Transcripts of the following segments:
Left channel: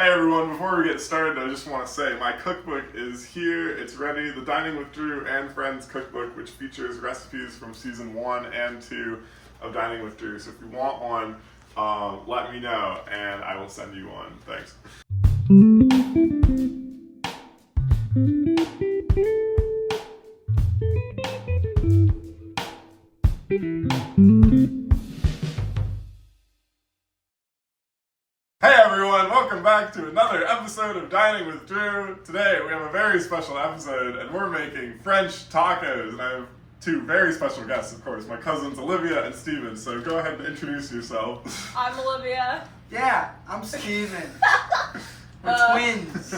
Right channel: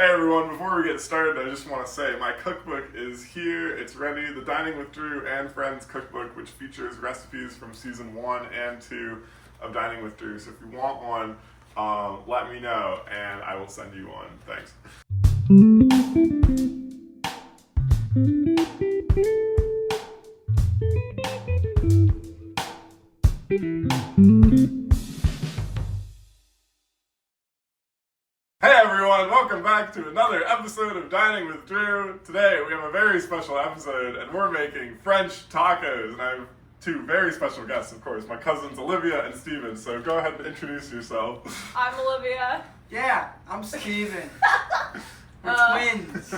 Hey everyone, before we get started, I just want to say my cookbook is here. It's ready. The Dining with Drew and Friends cookbook, which features recipes from season 1 and 2 of Dining with Drew. So if you want one, let me know and I will send you one. Thanks. Hey everyone, welcome back to another episode of Dining with Drew. Today we have a very special episode and we're making French tacos. And I have two very special guests, of course, my cousins Olivia and Steven. So go ahead and introduce yourself. I'm Olivia. Yeah, I'm Steven. We're twins.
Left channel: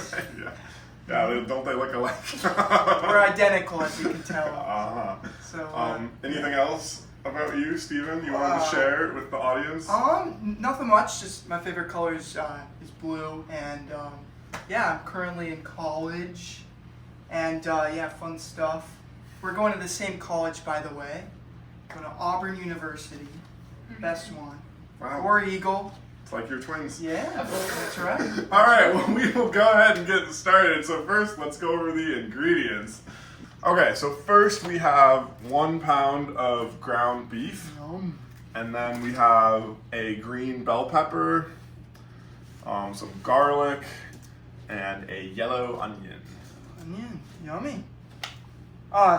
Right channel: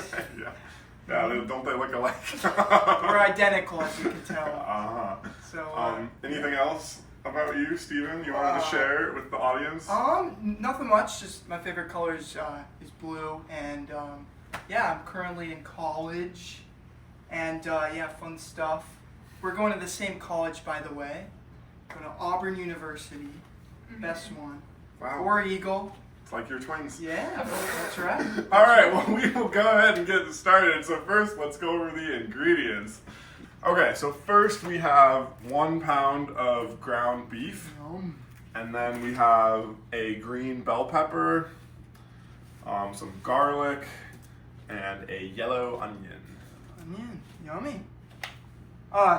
Yeah, don't they look alike? We're identical, as you can tell. Uh-huh. So, anything else about you, Steven, you wanted to share with the audience? Nothing much. Just my favorite color is blue, and yeah, I'm currently in college, and yeah, fun stuff. We're going to the same college, by the way. Going to Auburn University, best one. Wow. War Eagle. It's like your twins. Yeah, that's right. All right, well, we will go ahead and get started. So first, let's go over the ingredients. Okay, so first we have 1 pound of ground beef, and then we have a green bell pepper, some garlic, and a yellow onion. Onion, yummy.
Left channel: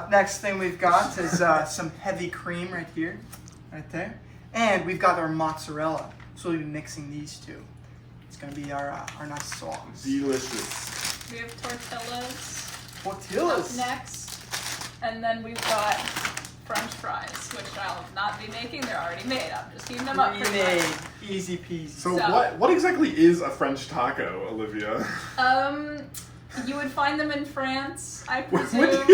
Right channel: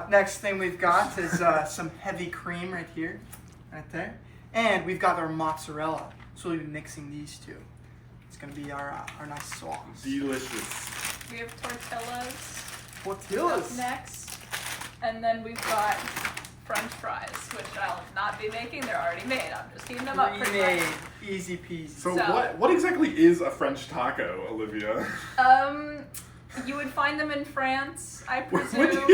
Next thing we've got is some heavy cream right here, right there, and we've got our mozzarella. So we'll be mixing these two. It's gonna be our nice sauce. Delicious. We have tortillas. Tortillas. Next. And then we've got French fries, which I'll not be making. They're already made. I'm just heating them up pretty much. Easy peasy. So what exactly is a French taco, Olivia? You would find them in France, I presume.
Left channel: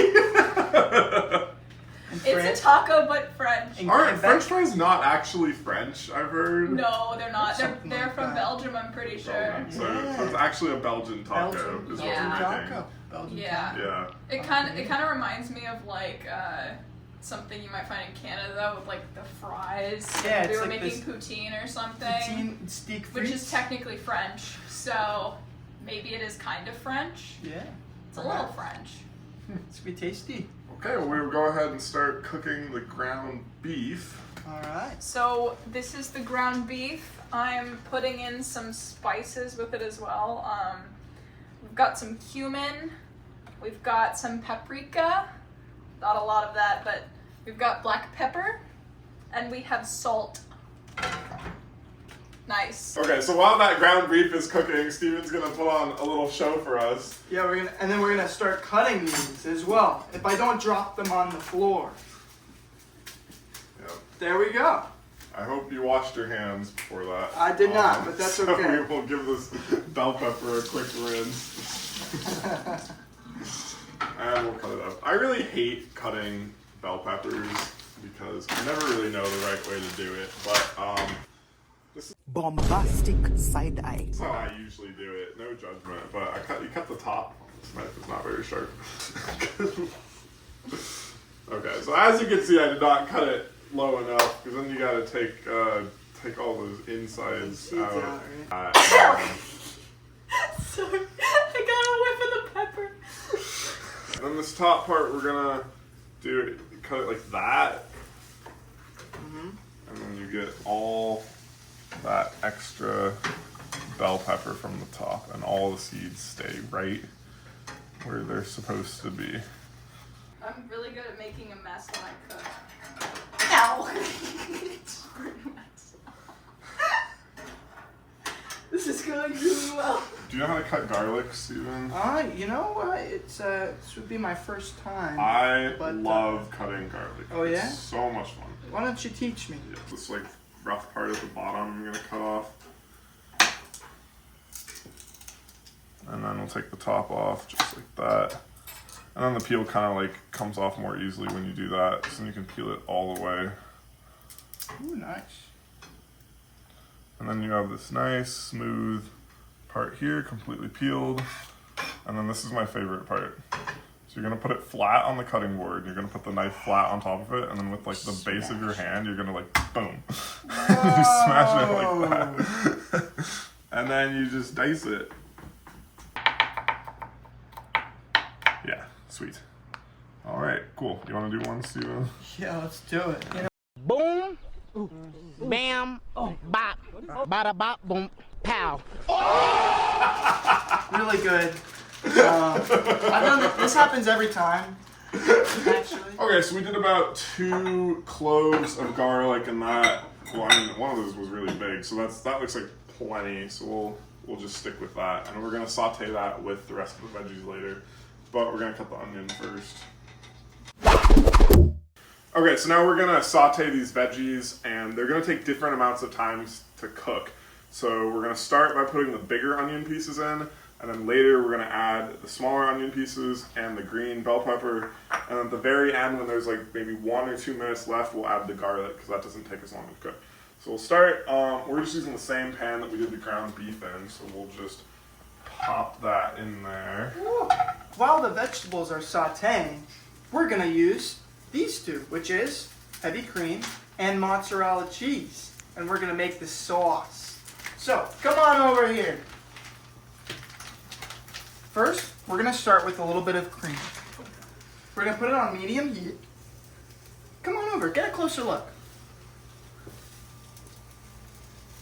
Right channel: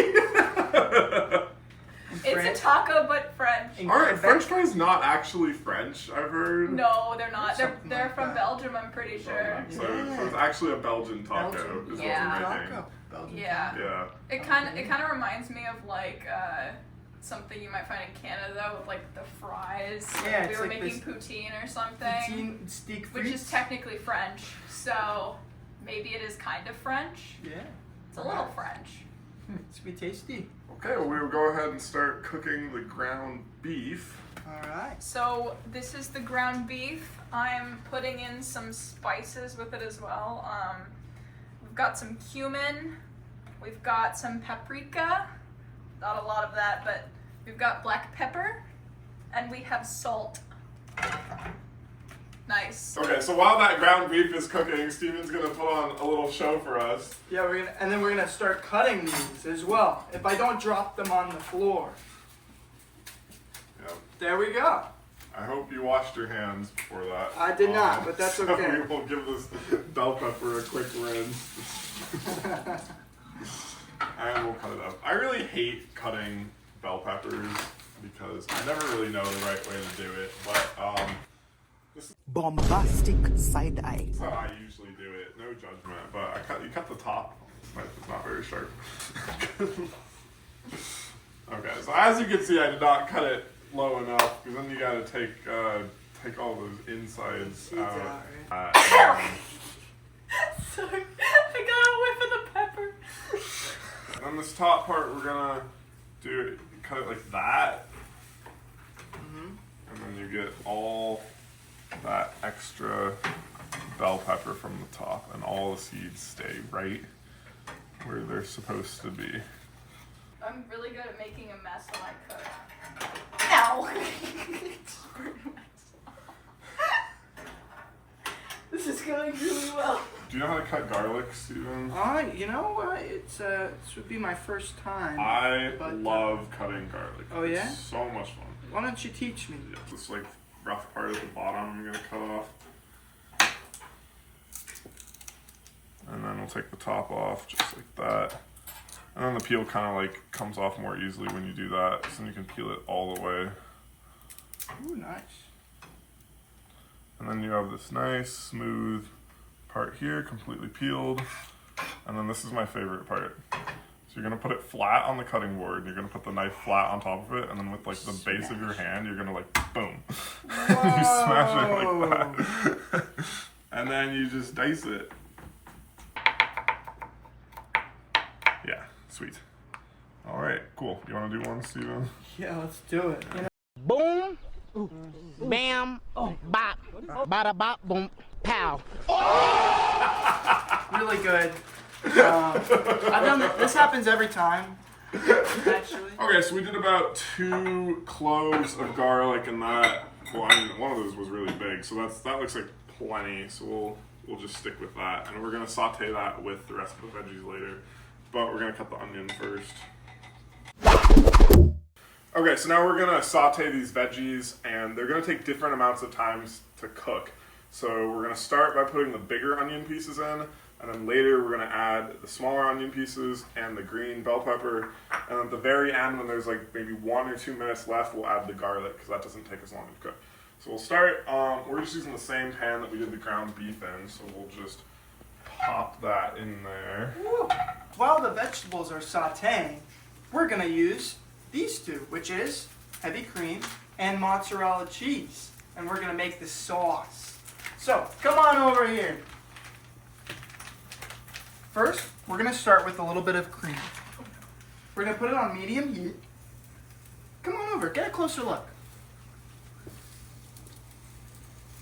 It's a taco, but French. Aren't French fries not actually French, I've heard? No, they're not. They're like from that. Belgium, I'm pretty sure. So it's actually a Belgian taco, Belgian. is Yeah. what you're making. Taco. Belgian Yeah. taco. Yeah. It kind of reminds me of like something you might find in Canada with like the fries. Like Yeah, if we it's were like making this poutine or something, Poutine, steak which is frites. technically French. So maybe it is kind of French. Yeah. It's a little French. It's gonna be tasty. Okay, well, we will go ahead and start cooking the ground beef. All right. So this is the ground beef. I'm putting in some spices with it as well. We've got some cumin. We've got some paprika. Not a lot of that, but we've got black pepper. And we have salt. Nice. Okay, so while that ground beef is cooking, Steven's gonna put on a little show for us. Yeah, we're gonna start cutting these as well. If I don't drop them on the floor. Yep. There we go. I hope you washed your hands before that. I did not, but that's so okay. We will give this bell pepper a quick rinse. And we'll cut it up. I really hate cutting bell peppers because I never really know the right way to do it, but Bombastic side eye. that's how I usually do it. No judgment, but you cut the top. This knife is not very sharp. Okay, so as you can see, I did not cut it low enough because then you got to take all those insides out. Sorry, I got a whiff of the pepper. And then this top part, we're gonna cut it like that, and then you get all that extra bell pepper from the top, and all the seeds stay right where they're supposed to be. I'm really good at making a mess when I cook. Ow! This is going really well. Do you know how to cut garlic, Steven? You know, this would be my first time. I but, love cutting garlic. Oh, yeah? It's so much fun. Why don't you teach me? Yeah, this like rough part at the bottom I'm gonna cut off. And then we'll take the top off just like that. And then the peel kind of like comes off more easily when you do that, so then you can peel it all the way. Ooh, nice. And then you have this nice smooth part here, completely peeled. And then this is my favorite part. So you're gonna put it flat on the cutting board. You're gonna put the knife flat on top of it, and then with like the base of your hand, you're gonna like boom. You smash it like that. And then you just dice it. Yeah, sweet. All right, cool. You want to do one, Steven? Yeah, let's do it. Boom, bam, bop, bada bop, boom, pow. Really good. I've done this happens every time. Actually. Okay, so we did about 2 cloves of garlic, and that. Well, I mean, one of those was really big, so that looks like plenty. So we'll just stick with that, and we're gonna saute that with the rest of the veggies later. But we're gonna cut the onion first. Okay, so now we're gonna saute these veggies, and they're gonna take different amounts of time to cook. So we're gonna start by putting the bigger onion pieces in, and then later we're gonna add the smaller onion pieces and the green bell pepper. And at the very end, when there's like maybe 1 or 2 minutes left, we'll add the garlic, because that doesn't take as long to cook. So we'll start, we're just using the same pan that we did the ground beef in, so we'll just pop that in there. While the vegetables are sauteing, we're gonna use these two, which is heavy cream and mozzarella cheese. And we're gonna make the sauce. So, come on over here. First, we're gonna start with a little bit of cream. We're gonna put it on medium heat. Come on over, get a closer look.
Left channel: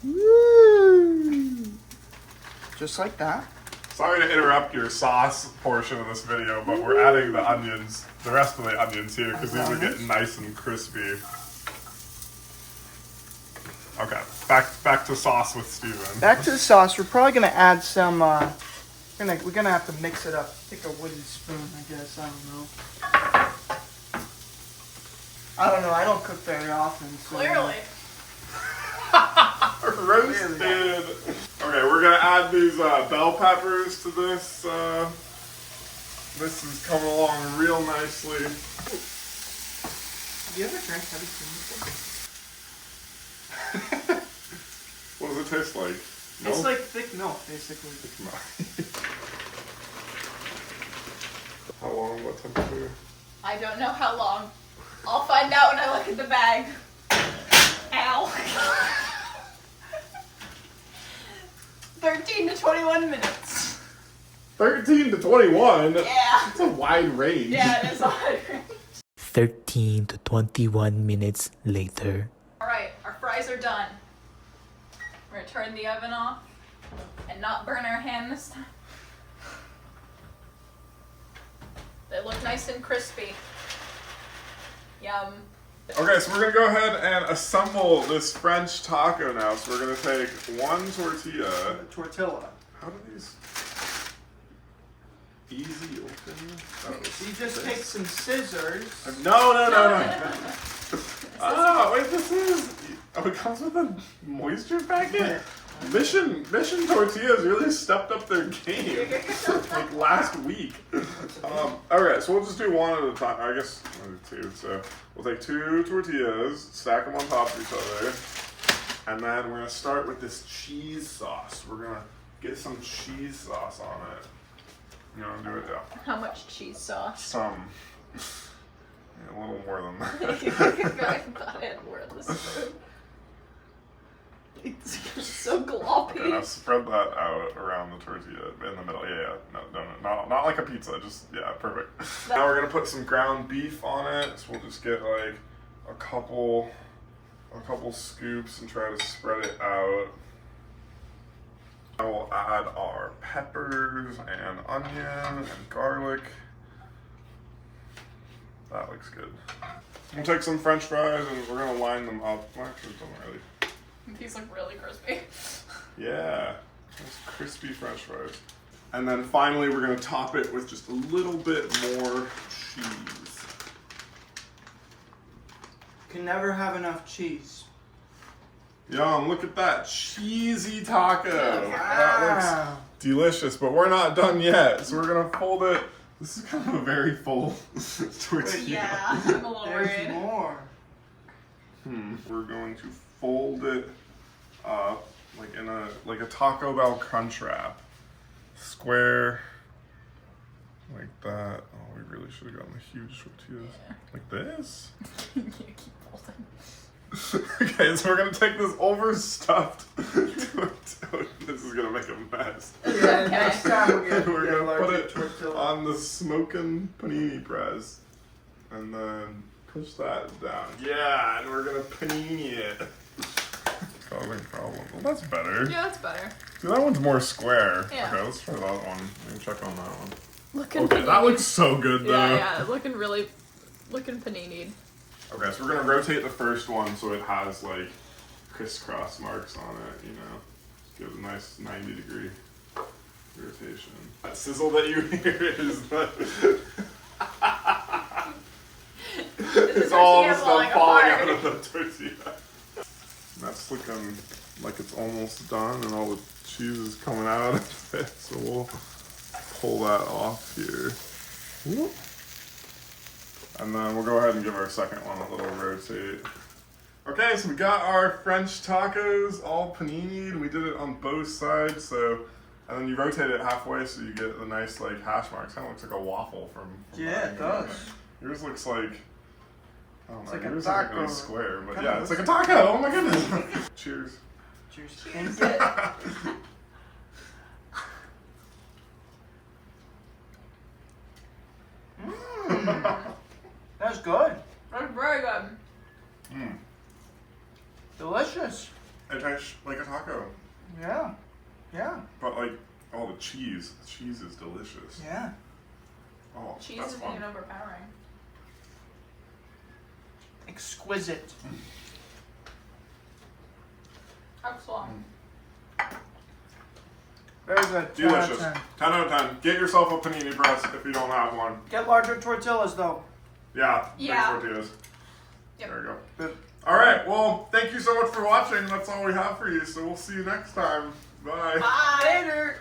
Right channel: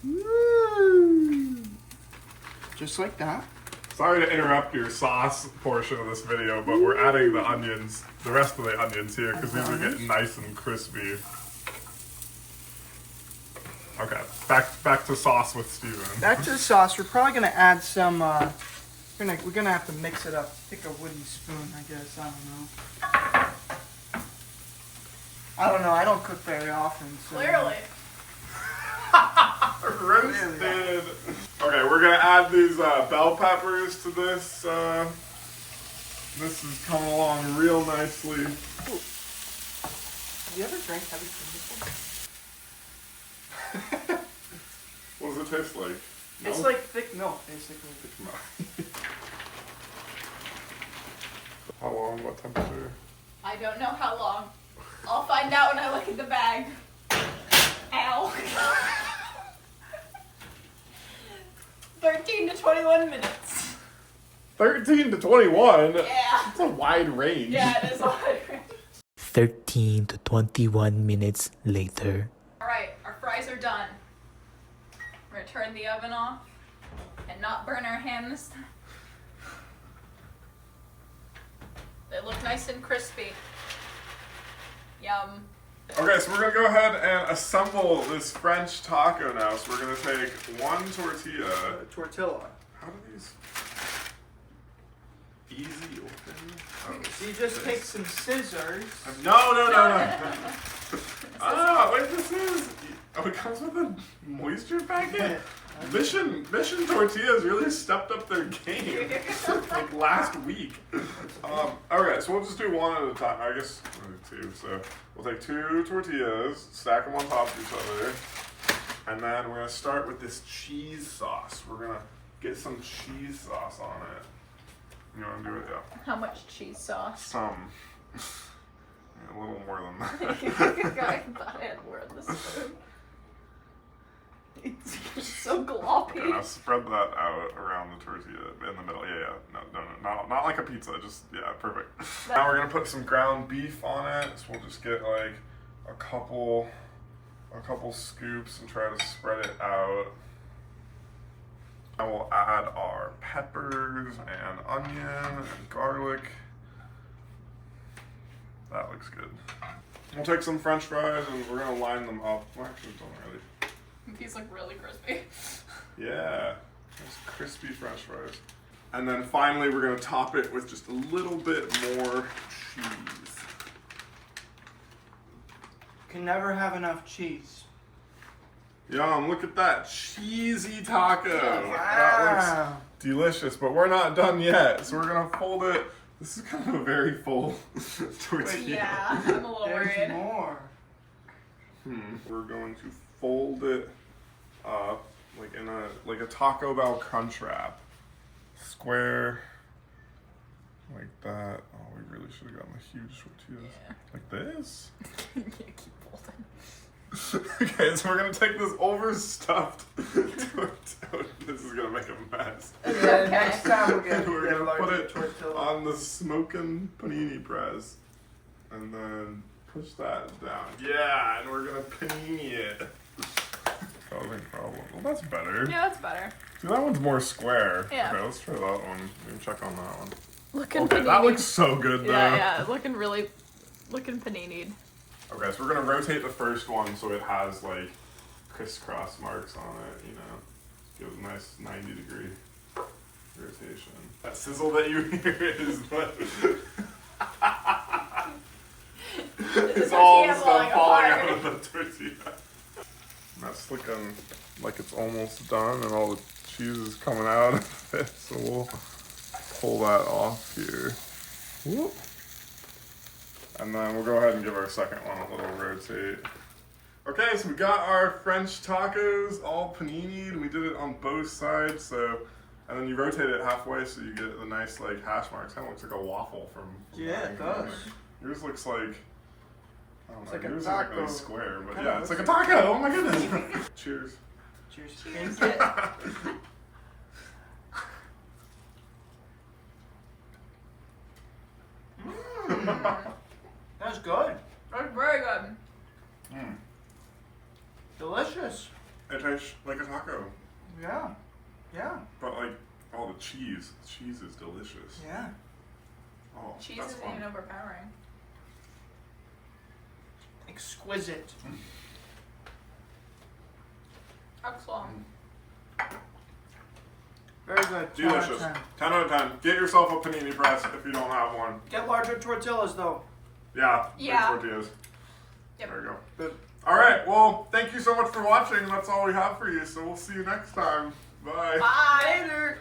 Woo! Just like that. Sorry to interrupt your sauce portion of this video, but we're adding the onions, the rest of the onions here, because these are getting nice and crispy. Okay, back to sauce with Steven. Back to the sauce. We're probably gonna add some. We're gonna have to mix it up. Take a wooden spoon, I guess. I don't know. I don't cook very often. So, Clearly. Roasted. Okay, we're gonna add these bell peppers to this. This is coming along real nicely. Have you ever drank heavy cream before? What does it taste like? It's like thick milk, basically. How long? What temperature? I don't know how long. I'll find out when I look at the bag. Ow. 13 to 21 minutes. 13 to 21? Yeah. That's a wide range. Yeah, it is a hard range. 13 to 21 minutes later. Alright, our fries are done. We're gonna turn the oven off and not burn our hand this time. They look nice and crispy. Yum. Okay, so we're gonna go ahead and assemble this French taco now. So we're gonna take 1 tortilla. Tortilla. How do these easy open? Oh, So you just take some scissors. No. Oh, wait, this is. Oh, it comes with a moisture packet? Mission Tortillas really stepped up their game like last week. Alright, so we'll just do one at a time. I guess we'll do 2. So we'll take 2 tortillas, stack them on top of each other, and then we're gonna start with this cheese sauce. We're gonna get some cheese sauce on it. You wanna do it? Yeah. How much cheese sauce? Some. Yeah, a little more than that. I thought I had more of this food. It's so gloppy. Okay, now spread that out around the tortilla in the middle. Yeah. No, not like a pizza. Just, yeah, perfect. Now we're gonna put some ground beef on it. So we'll just get like a couple scoops and try to spread it out. Now we'll add our peppers and onion and garlic. That looks good. We'll take some French fries and we're gonna line them up. Well, actually, don't really. These look really crispy. Yeah, those crispy French fries. And then finally, we're gonna top it with just a little bit more cheese. Can never have enough cheese. Yum, look at that cheesy taco. That looks Wow. delicious, but we're not done yet. So we're gonna fold it. This is kind of a very full tortilla. Yeah, I'm a little There's worried. more. We're going to fold it up like in a Taco Bell crunch wrap. Square like that. Oh, we really should have gotten the huge tortillas. Like this? You keep holding. Okay, so we're gonna take this overstuffed tortilla. This is gonna make a mess. Yeah, next time we'll get, We're get a gonna put larger it tortilla. on the smoking panini press, and then push that down. Yeah, and we're gonna panini it. Causing problem. Well, that's better. Yeah, that's better. See, that one's more square. Yeah. Okay, let's try that one. Let me check on that one. Looking Okay, that looks so good though. Yeah, looking paninied. Okay, so we're gonna rotate the first one so it has like crisscross marks on it, you know. Give it a nice 90-degree rotation. That sizzle that you hear is the it's all the stuff falling out of the tortilla. That's looking like it's almost done and all the cheese is coming out of it, so we'll pull that off here. Whoop. And then we'll go ahead and give our second one a little rotate. Okay, so we got our French tacos all paninied. We did it on both sides, so, and then you rotate it halfway so you get the nice like hash marks. Kind of looks like a waffle from Yeah, it does. Yours looks like, I don't know, like a yours isn't really taco. square, but Kinda yeah, it's like a looks taco. Oh my goodness. Cheers. Cheers. Cheers. Thank you. That's good. That's very good. Mm. Delicious. It tastes like a taco, Yeah. Yeah. but like all the cheese. The cheese is delicious. Yeah. Oh, Cheese that's isn't fun. even overpowering. Exquisite. Excellent. Very good. 10 out of Delicious. 10. 10 out of 10. Get yourself a panini press if you don't have one. Get larger tortillas though. Yeah, Yeah. big tortillas. Yep. There you go. Good. All right, well, thank you so much for watching. That's all we have for you, so we'll see you next time. Bye. Bye. Later.